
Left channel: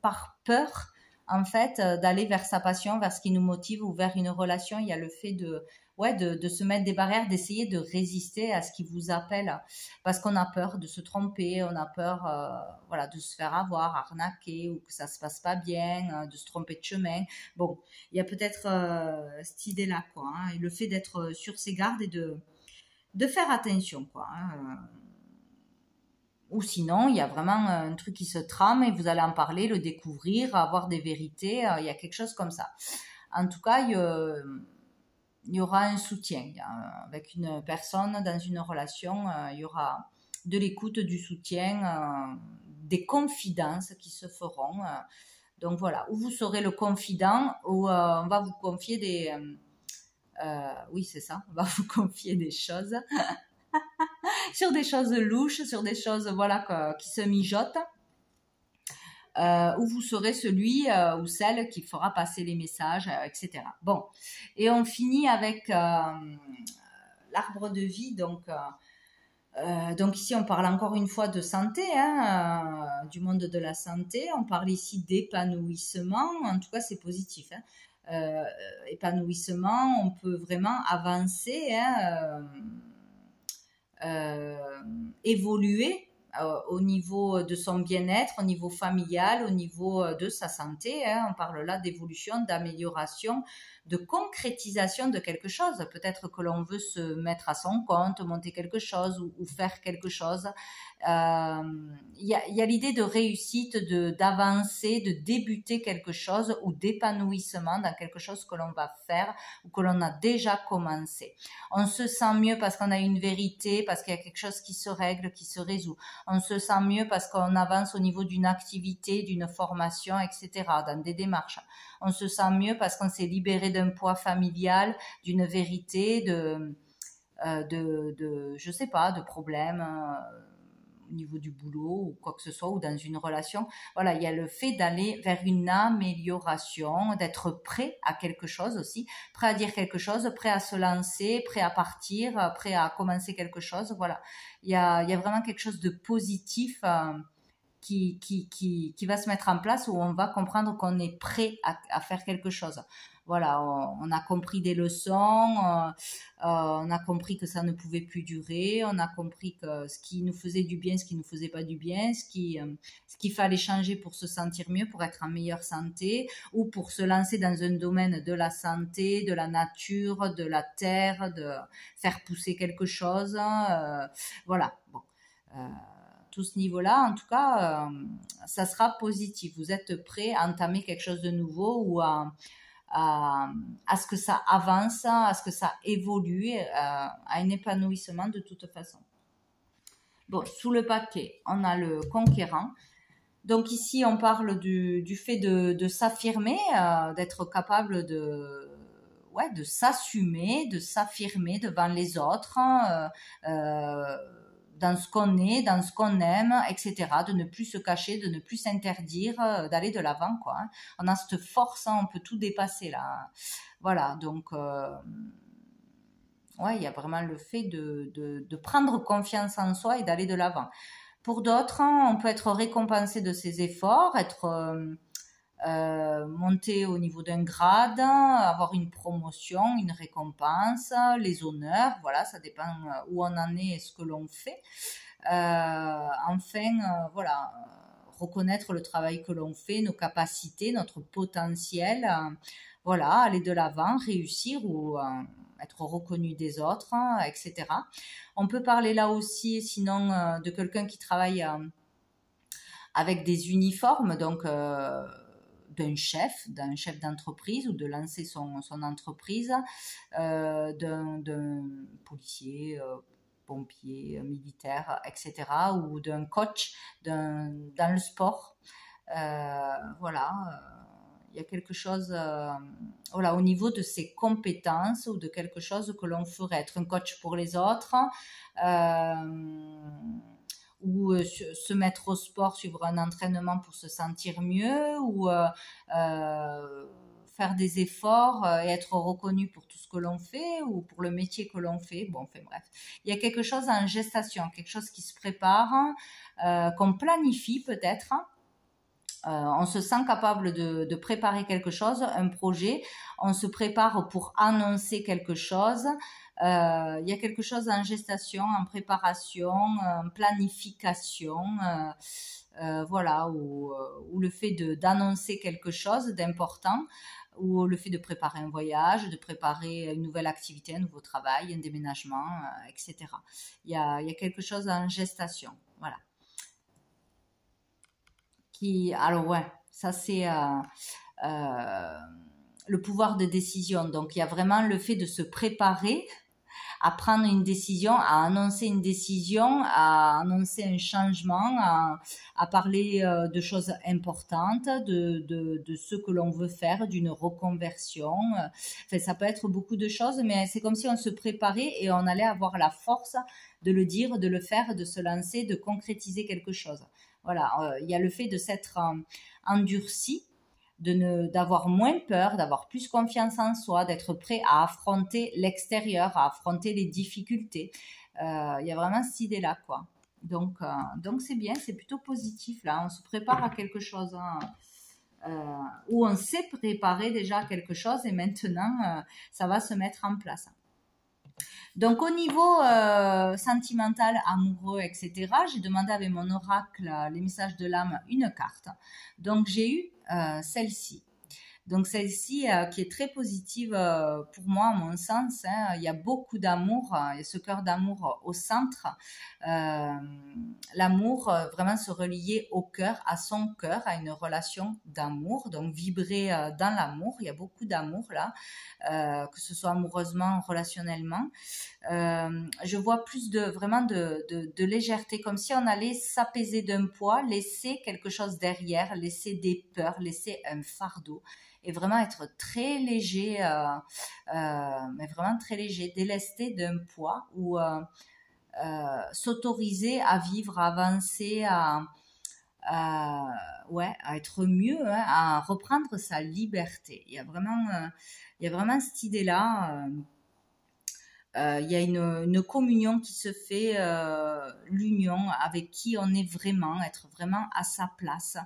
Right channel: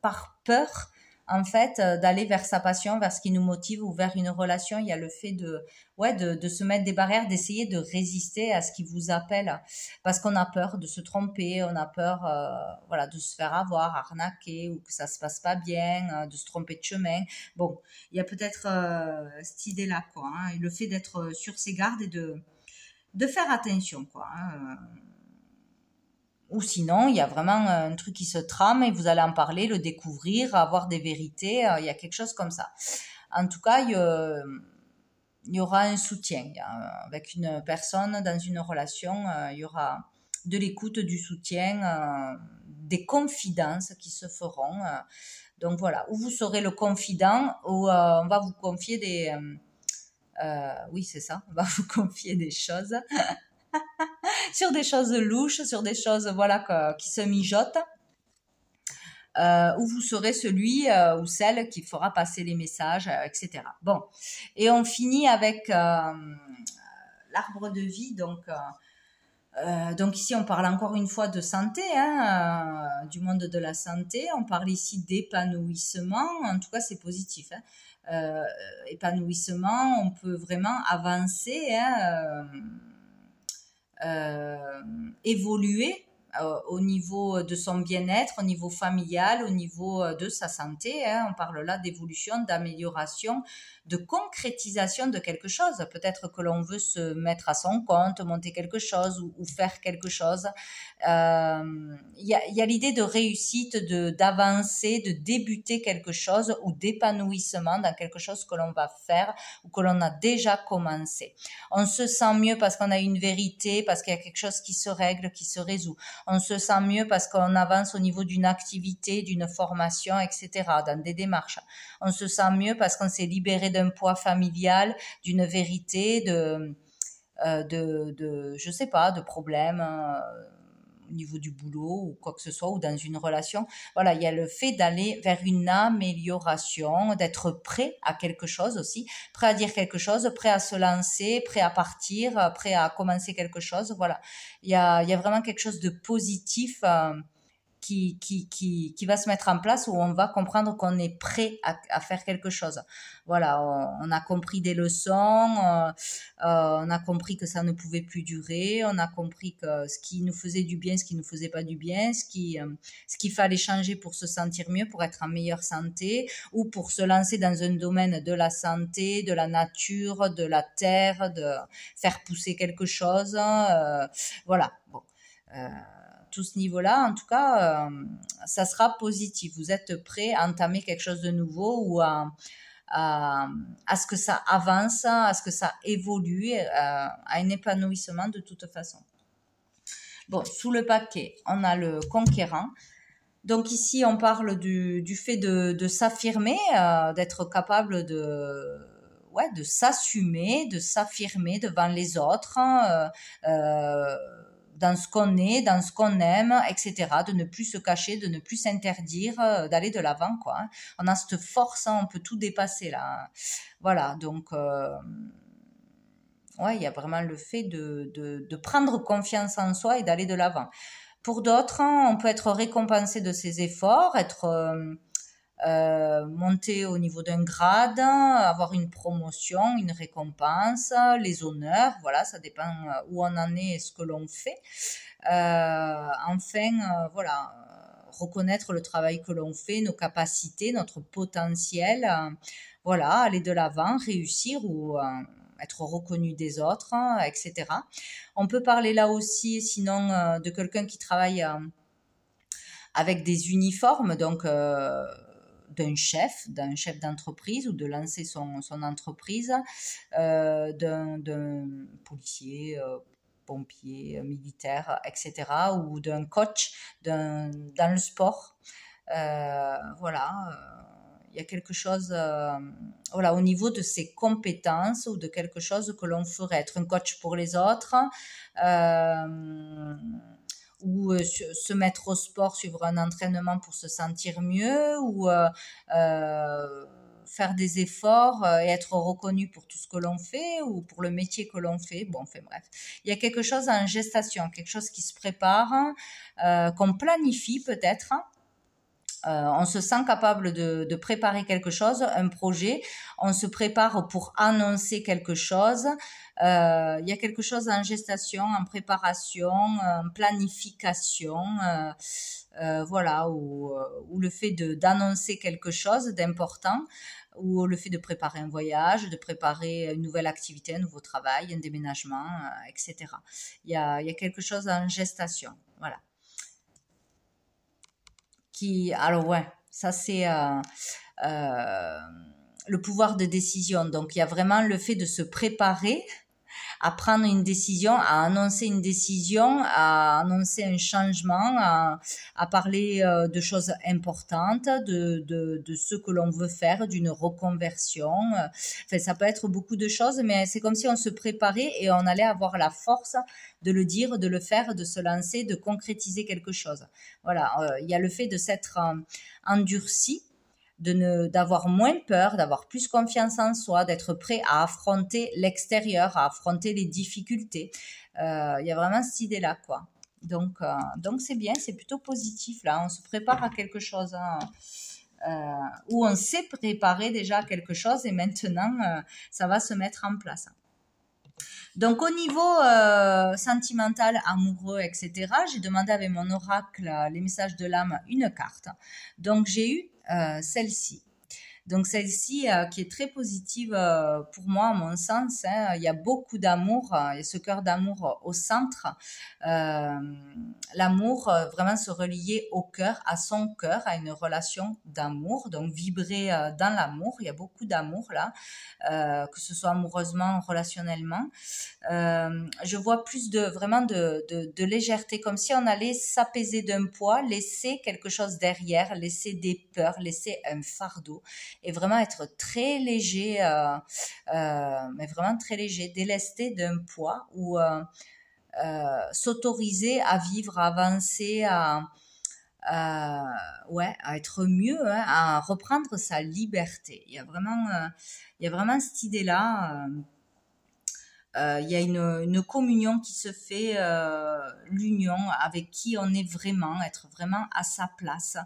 par peur, en fait, d'aller vers sa passion, vers ce qui nous motive, ou vers une relation. Il y a le fait de se mettre des barrières, d'essayer de résister à ce qui vous appelle, parce qu'on a peur de se tromper, on a peur de se faire avoir, arnaquer, ou que ça se passe pas bien, de se tromper de chemin. Bon, il y a peut-être cette idée-là, quoi, hein, et le fait d'être sur ses gardes et de faire attention, quoi, hein. Ou sinon, il y a vraiment un truc qui se trame et vous allez en parler, le découvrir, avoir des vérités. Il y a quelque chose comme ça. En tout cas, il y aura un soutien. Avec une personne dans une relation, il y aura de l'écoute, du soutien, des confidences qui se feront. Donc voilà, où vous serez le confident, où on va vous confier oui, c'est ça, on va vous confier des choses. Sur des choses louches, sur des choses qui se mijotent, où vous serez celui ou celle qui fera passer les messages, etc. Bon, et on finit avec l'arbre de vie. Donc ici, on parle encore une fois de santé, hein, du monde de la santé. On parle ici d'épanouissement. En tout cas, c'est positif, hein. Épanouissement, on peut vraiment avancer, hein, évoluer au niveau de son bien-être, au niveau familial, au niveau de sa santé. On parle là d'évolution, d'amélioration, de concrétisation de quelque chose. Peut-être que l'on veut se mettre à son compte, monter quelque chose ou faire quelque chose. Il y a l'idée de réussite, d'avancer, de débuter quelque chose ou d'épanouissement dans quelque chose que l'on va faire ou que l'on a déjà commencé. On se sent mieux parce qu'on a une vérité, parce qu'il y a quelque chose qui se règle, qui se résout. On se sent mieux parce qu'on avance au niveau d'une activité, d'une formation, etc., dans des démarches. On se sent mieux parce qu'on s'est libéré d'un poids familial, d'une vérité, je sais pas, de problèmes au niveau du boulot ou quoi que ce soit, ou dans une relation. Voilà, il y a le fait d'aller vers une amélioration, d'être prêt à quelque chose aussi, prêt à dire quelque chose, prêt à se lancer, prêt à partir, prêt à commencer quelque chose. Voilà, il y a vraiment quelque chose de positif qui va se mettre en place, où on va comprendre qu'on est prêt à faire quelque chose. Voilà, on a compris des leçons, on a compris que ça ne pouvait plus durer, on a compris que ce qui nous faisait du bien, ce qui nous faisait pas du bien, ce qu'il fallait changer pour se sentir mieux, pour être en meilleure santé, ou pour se lancer dans un domaine de la santé, de la nature, de la terre, de faire pousser quelque chose. Voilà, bon. Tout ce niveau-là, en tout cas, ça sera positif. Vous êtes prêt à entamer quelque chose de nouveau ou à ce que ça avance, à ce que ça évolue, à un épanouissement de toute façon. Bon, sous le paquet, on a le conquérant. Donc ici, on parle du fait de s'affirmer, d'être capable de s'assumer, de s'affirmer devant les autres, dans ce qu'on est, dans ce qu'on aime, etc. De ne plus se cacher, de ne plus s'interdire, d'aller de l'avant, quoi. On a cette force, on peut tout dépasser, là. Voilà, donc, il y a vraiment le fait de prendre confiance en soi et d'aller de l'avant. Pour d'autres, on peut être récompensé de ses efforts, être monter au niveau d'un grade, avoir une promotion, une récompense, les honneurs, voilà, ça dépend où on en est et ce que l'on fait. Voilà, reconnaître le travail que l'on fait, nos capacités, notre potentiel, voilà, aller de l'avant, réussir ou être reconnu des autres, etc. On peut parler là aussi, sinon, de quelqu'un qui travaille avec des uniformes, donc d'un chef d'entreprise, ou de lancer son entreprise, d'un policier, pompier, militaire, etc., ou d'un coach dans le sport. Voilà, il y a quelque chose, voilà, au niveau de ses compétences ou de quelque chose que l'on ferait. Être un coach pour les autres, ou se mettre au sport, suivre un entraînement pour se sentir mieux, ou faire des efforts et être reconnu pour tout ce que l'on fait, ou pour le métier que l'on fait. Bon, enfin bref. Il y a quelque chose en gestation, quelque chose qui se prépare, qu'on planifie peut-être. On se sent capable de préparer quelque chose, un projet. On se prépare pour annoncer quelque chose. Il y a quelque chose en gestation, en préparation, en planification, voilà, ou le fait d'annoncer quelque chose d'important, ou le fait de préparer un voyage, de préparer une nouvelle activité, un nouveau travail, un déménagement, etc. Il y a quelque chose en gestation, voilà. Alors ouais, ça c'est le pouvoir de décision. Donc il y a vraiment le fait de se préparer à prendre une décision, à annoncer une décision, à annoncer un changement, à parler de choses importantes, de ce que l'on veut faire, d'une reconversion. Enfin, ça peut être beaucoup de choses, mais c'est comme si on se préparait et on allait avoir la force de le dire, de le faire, de se lancer, de concrétiser quelque chose. Voilà, il y a le fait de s'être endurci, d'avoir moins peur, d'avoir plus confiance en soi, d'être prêt à affronter l'extérieur, à affronter les difficultés. Il y a vraiment cette idée-là, quoi. Donc c'est bien, c'est plutôt positif, là. On se prépare à quelque chose, où on s'est préparé déjà à quelque chose, et maintenant, ça va se mettre en place. Donc au niveau sentimental, amoureux, etc., j'ai demandé avec mon oracle, les messages de l'âme, une carte. Donc j'ai eu celle-ci. Donc celle-ci qui est très positive pour moi, à mon sens. Hein. Il y a beaucoup d'amour, il y a ce cœur d'amour au centre. Euh, L'amour, vraiment se relier au cœur, à son cœur, à une relation d'amour. Donc vibrer dans l'amour, il y a beaucoup d'amour là, que ce soit amoureusement, relationnellement. Je vois plus de vraiment de légèreté, comme si on allait s'apaiser d'un poids, laisser quelque chose derrière, laisser des peurs, laisser un fardeau et vraiment être très léger, mais vraiment très léger, délesté d'un poids ou s'autoriser à vivre, à avancer, ouais, à être mieux, hein, à reprendre sa liberté. Il y a vraiment cette idée-là. Il y a une communion qui se fait, l'union avec qui on est vraiment, être vraiment à sa place,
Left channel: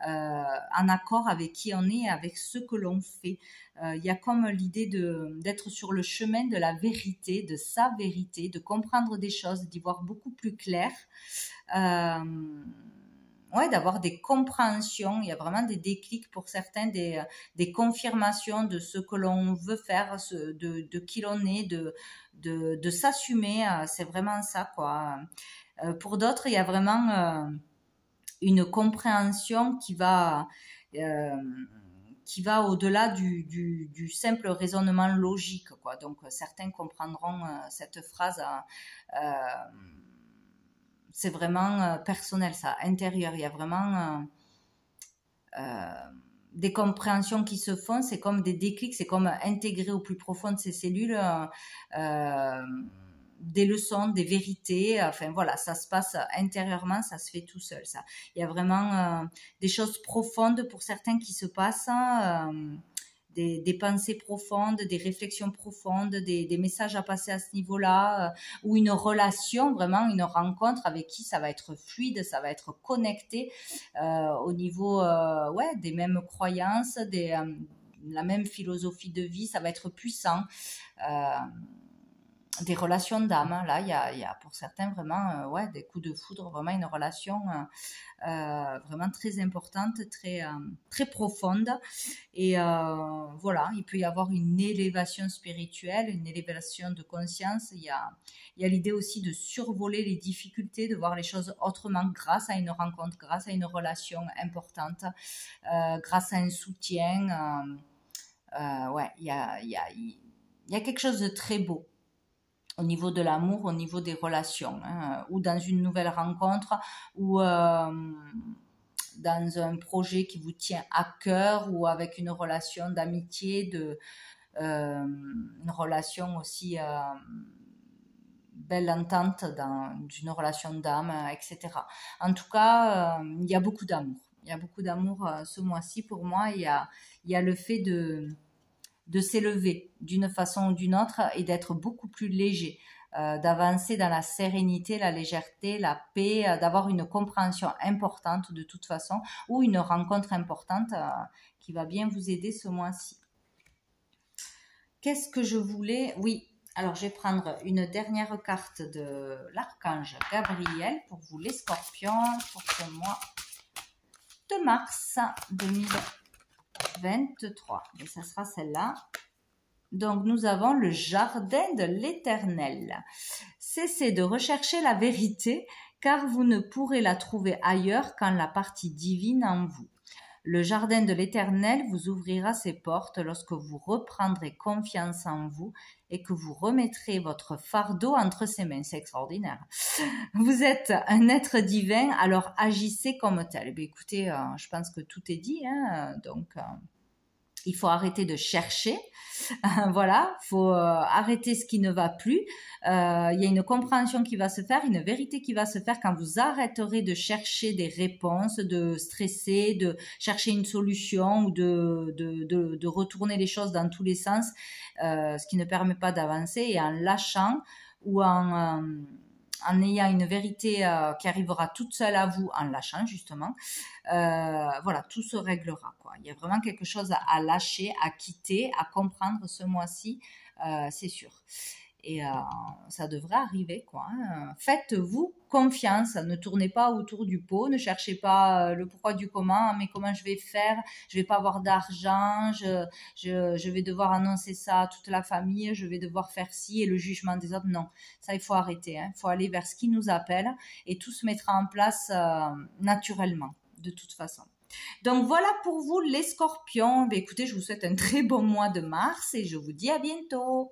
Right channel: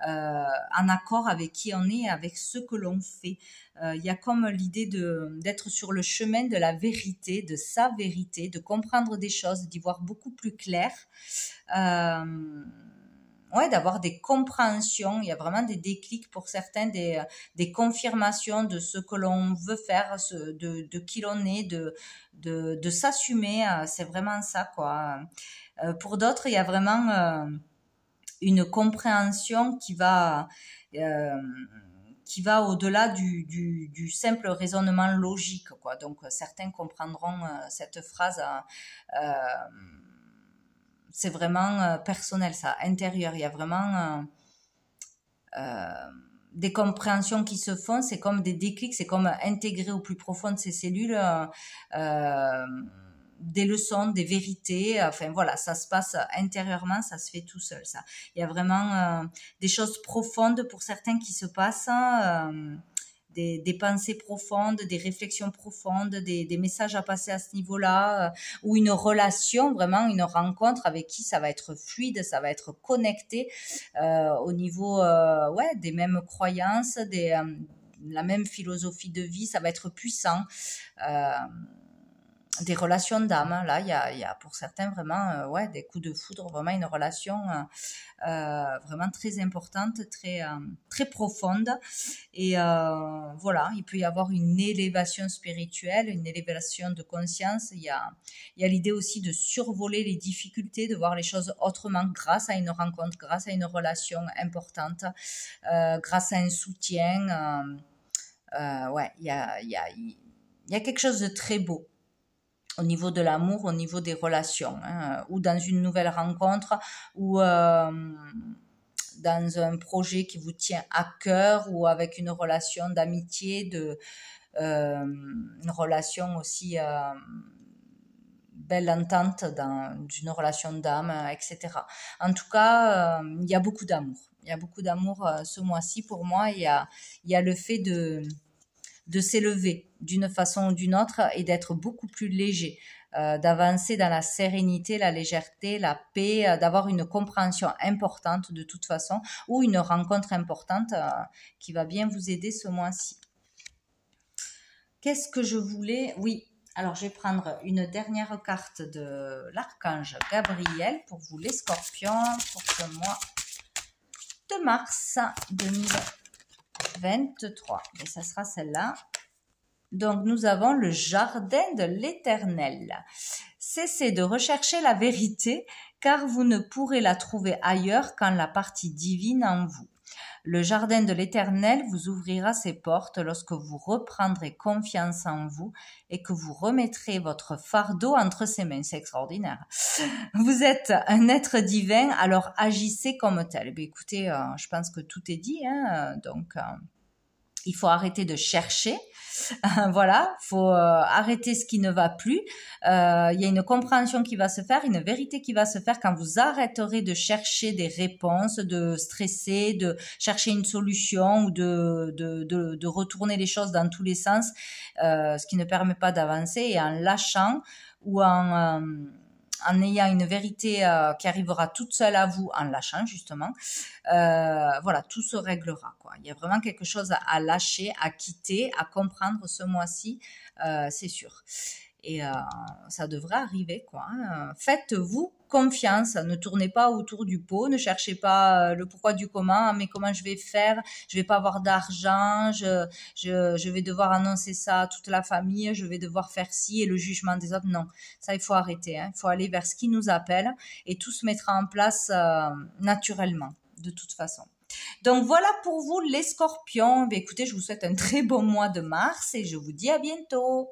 en accord avec qui on est, avec ce que l'on fait. Il y a comme l'idée d'être sur le chemin de la vérité, de sa vérité, de comprendre des choses, d'y voir beaucoup plus clair. Euh, ouais, d'avoir des compréhensions, il y a vraiment des déclics pour certains, des confirmations de ce que l'on veut faire, de qui l'on est, de s'assumer, c'est vraiment ça, quoi. Pour d'autres, il y a vraiment une compréhension euh, qui va au-delà du simple raisonnement logique, quoi. Donc, certains comprendront cette phrase. C'est vraiment personnel, ça, intérieur. Il y a vraiment des compréhensions qui se font, c'est comme des déclics, c'est comme intégrer au plus profond de ces cellules des leçons, des vérités. Enfin voilà, ça se passe intérieurement, ça se fait tout seul. Ça, il y a vraiment des choses profondes pour certains qui se passent. Des pensées profondes, des réflexions profondes, des messages à passer à ce niveau-là, ou une relation, vraiment une rencontre avec qui ça va être fluide, ça va être connecté au niveau ouais, des mêmes croyances, la même philosophie de vie, ça va être puissant. Euh, des relations d'âme, hein. Là, il y a pour certains vraiment ouais, des coups de foudre, vraiment une relation vraiment très importante, très profonde. Et voilà, il peut y avoir une élévation spirituelle, une élévation de conscience. Il y a l'idée aussi de survoler les difficultés, de voir les choses autrement grâce à une rencontre, grâce à une relation importante, grâce à un soutien. Ouais, il y a quelque chose de très beau au niveau de l'amour, au niveau des relations, hein, ou dans une nouvelle rencontre, ou dans un projet qui vous tient à cœur, ou avec une relation d'amitié, une relation aussi belle entente dans une relation d'âme, etc. En tout cas, il y a beaucoup d'amour. Il y a beaucoup d'amour ce mois-ci pour moi. Il y a le fait de s'élever d'une façon ou d'une autre et d'être beaucoup plus léger, d'avancer dans la sérénité, la légèreté, la paix, d'avoir une compréhension importante de toute façon ou une rencontre importante qui va bien vous aider ce mois-ci. Qu'est-ce que je voulais? Oui, alors je vais prendre une dernière carte de l'archange Gabriel pour vous les scorpions pour ce mois de mars 2023. Et ça sera celle-là. Donc, nous avons le jardin de l'Éternel. Cessez de rechercher la vérité, car vous ne pourrez la trouver ailleurs qu'en la partie divine en vous. Le jardin de l'Éternel vous ouvrira ses portes lorsque vous reprendrez confiance en vous et que vous remettrez votre fardeau entre ses mains. C'est extraordinaire. Vous êtes un être divin, alors agissez comme tel. Eh écoutez, je pense que tout est dit, hein, donc il faut arrêter de chercher. Voilà, faut arrêter ce qui ne va plus. Il y a une compréhension qui va se faire, une vérité qui va se faire quand vous arrêterez de chercher des réponses, de stresser, de chercher une solution ou de retourner les choses dans tous les sens, ce qui ne permet pas d'avancer, et en lâchant ou en ayant une vérité qui arrivera toute seule à vous, en lâchant justement, voilà, tout se réglera, quoi. Il y a vraiment quelque chose à lâcher, à quitter, à comprendre ce mois-ci, c'est sûr. Et ça devrait arriver, quoi. Hein. Faites-vous confiance, ne tournez pas autour du pot, ne cherchez pas le pourquoi du comment, mais comment je vais faire, je vais pas avoir d'argent, je vais devoir annoncer ça à toute la famille, je vais devoir faire ci et le jugement des autres. Non, ça il faut arrêter, hein. Il faut aller vers ce qui nous appelle et tout se mettra en place naturellement, de toute façon. Donc voilà pour vous les scorpions. Écoutez, je vous souhaite un très bon mois de mars et je vous dis à bientôt.